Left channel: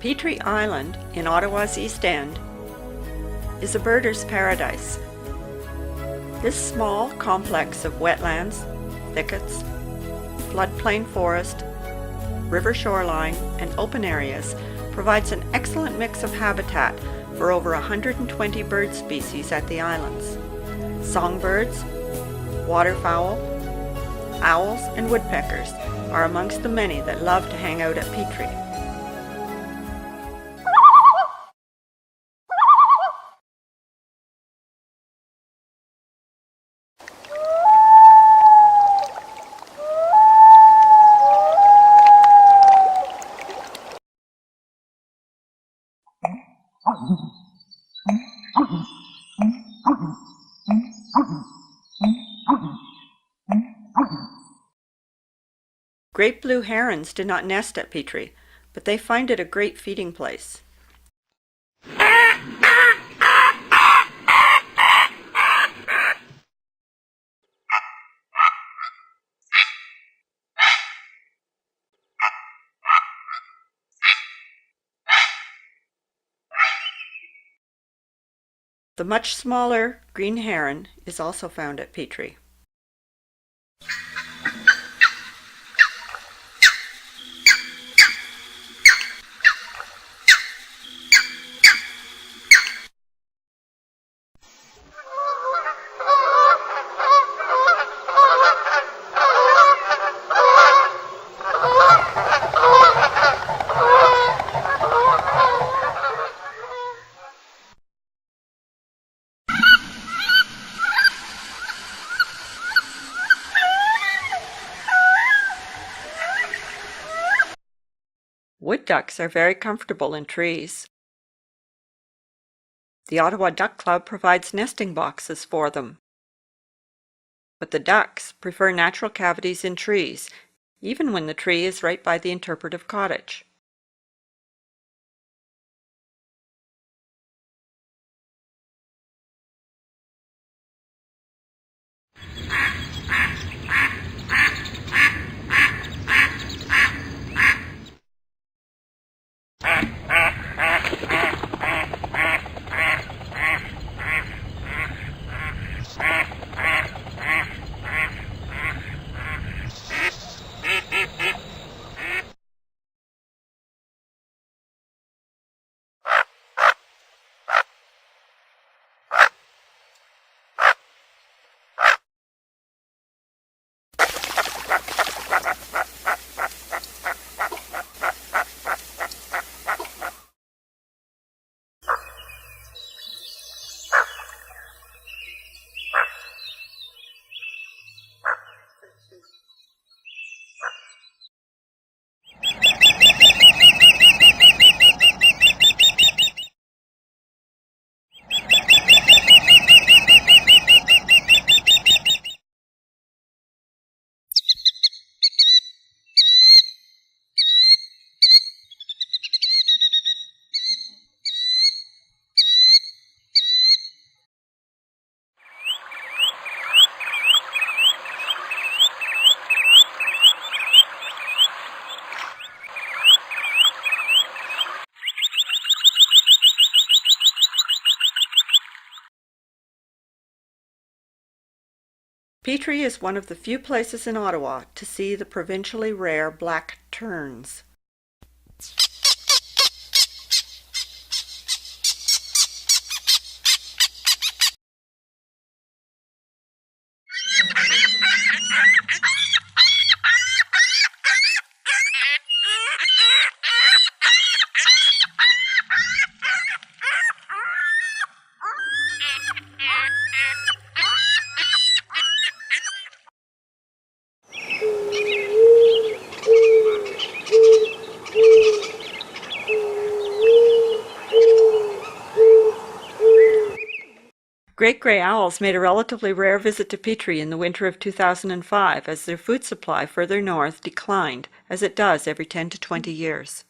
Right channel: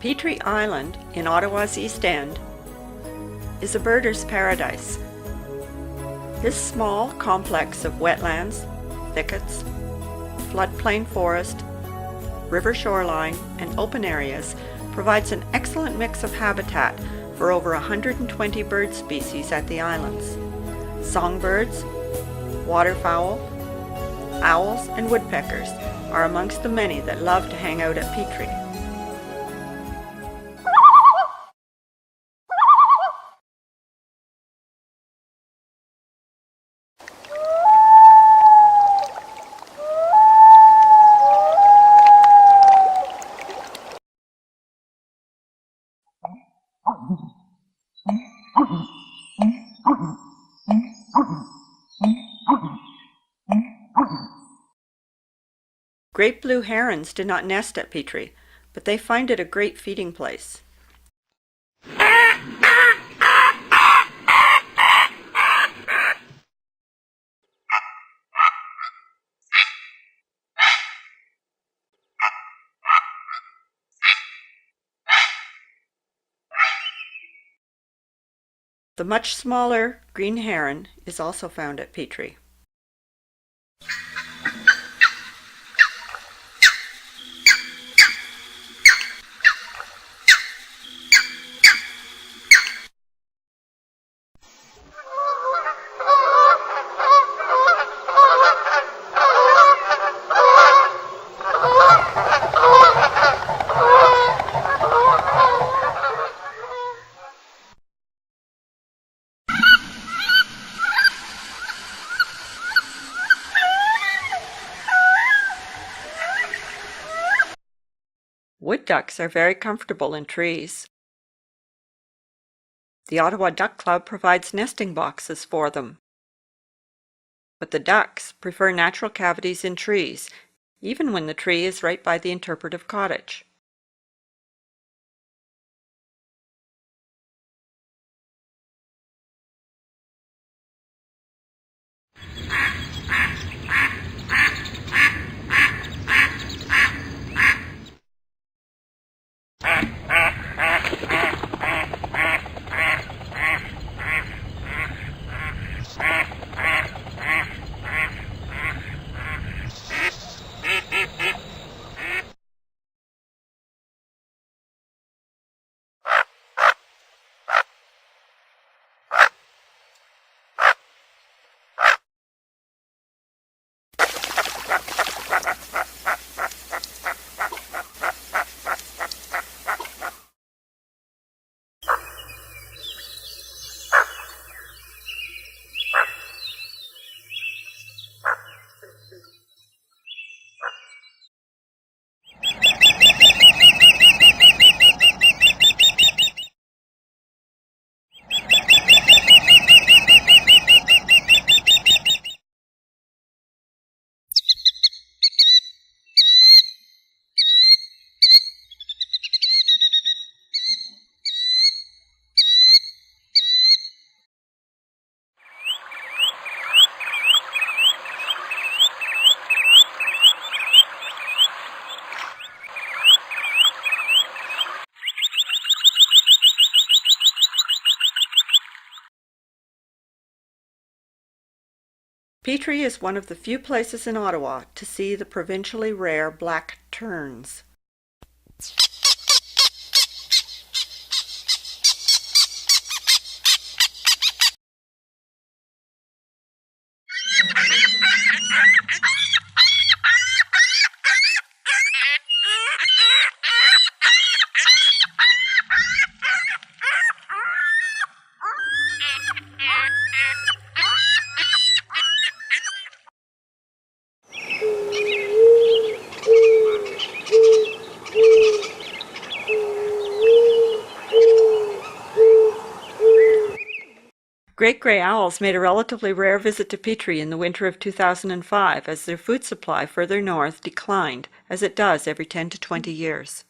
Petrie Island in Ottawa's East End is a birder's paradise. This small complex of wetlands, thickets, floodplain forest, river shoreline, and open areas provides an excellent mix of habitat for over 120 bird species at the islands. Songbirds, waterfowl, owls, and woodpeckers are amongst the many that love to hang out at Petrie. Great blue herons do not nest at Petrie, but they find it a great feeding place. The much smaller green heron is also found at Petrie. Wood ducks are very comfortable in trees. The Ottawa Duck Club provides nesting boxes for them. But the ducks prefer natural cavities in trees, even when the tree is right by the interpretive cottage. Petrie is one of the few places in Ottawa to see the provincially rare black terns. Great gray owls made a relatively rare visit to Petrie in the winter of 2005 as their food supply further north declined, as it does every 10 to 20 years.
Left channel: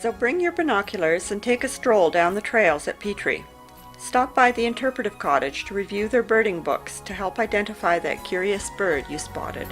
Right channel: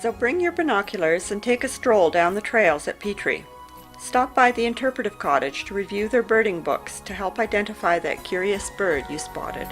So bring your binoculars and take a stroll down the trails at Petrie. Stop by the interpretive cottage to review their birding books to help identify that curious bird you spotted.